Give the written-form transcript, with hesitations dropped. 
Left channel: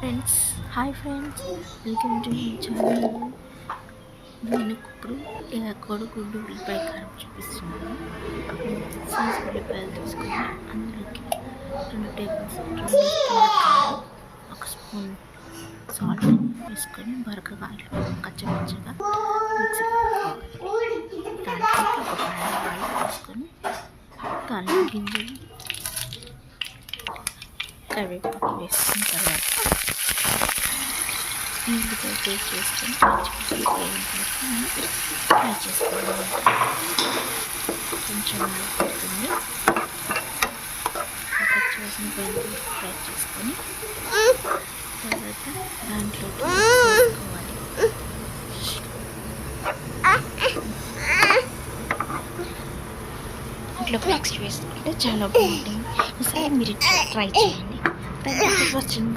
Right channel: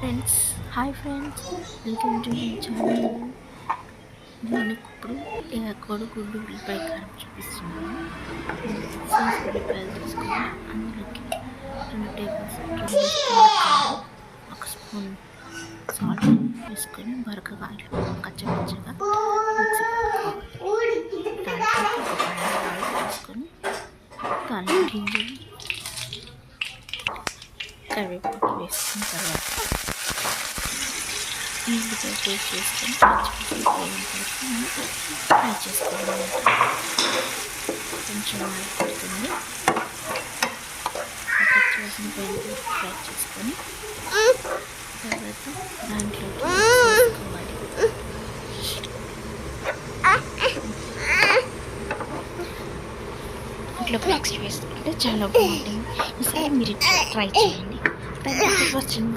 Friends, hi friends, welcome to my channel. నేను ఇప్పుడు కోడిగుడ్డు ఉల్లిపాయ కారం చూపిస్తున్నాను. సైజ్ ఉల్లిపాయలు తీసుకొని అందులోకి 2 స్పూన్ల కారం, 1 స్పూన్ సాల్ట్ వేసుకొని బరకగా కచ్చపచ్చగా మిక్సీ పెట్టుకోవాలి. దాంట్లో ఒక ప్యాన్ ఆయిల్ వేసుకొని దానిలో గింజలు కరివేపాకు వేసుకున్న తర్వాత ఉల్లిపాయ ఫ్రై చేసుకొని పచ్చిమిర్చి పోయిన తర్వాత ఫ్రై చేసుకోవాలన్నమాట. కొంచెం ఆయిల్ పడుతుంది, పచ్చివాసన పోయిన ఫ్రై చేసుకొని తర్వాత దాంట్లోకి వేసుకోవాలి. ఇట్లా మిక్స్ వేసుకుంటే చాలా బాగుంటుంది. ఒకసారి మీరు ట్రై చేయండి. Thank you for watching.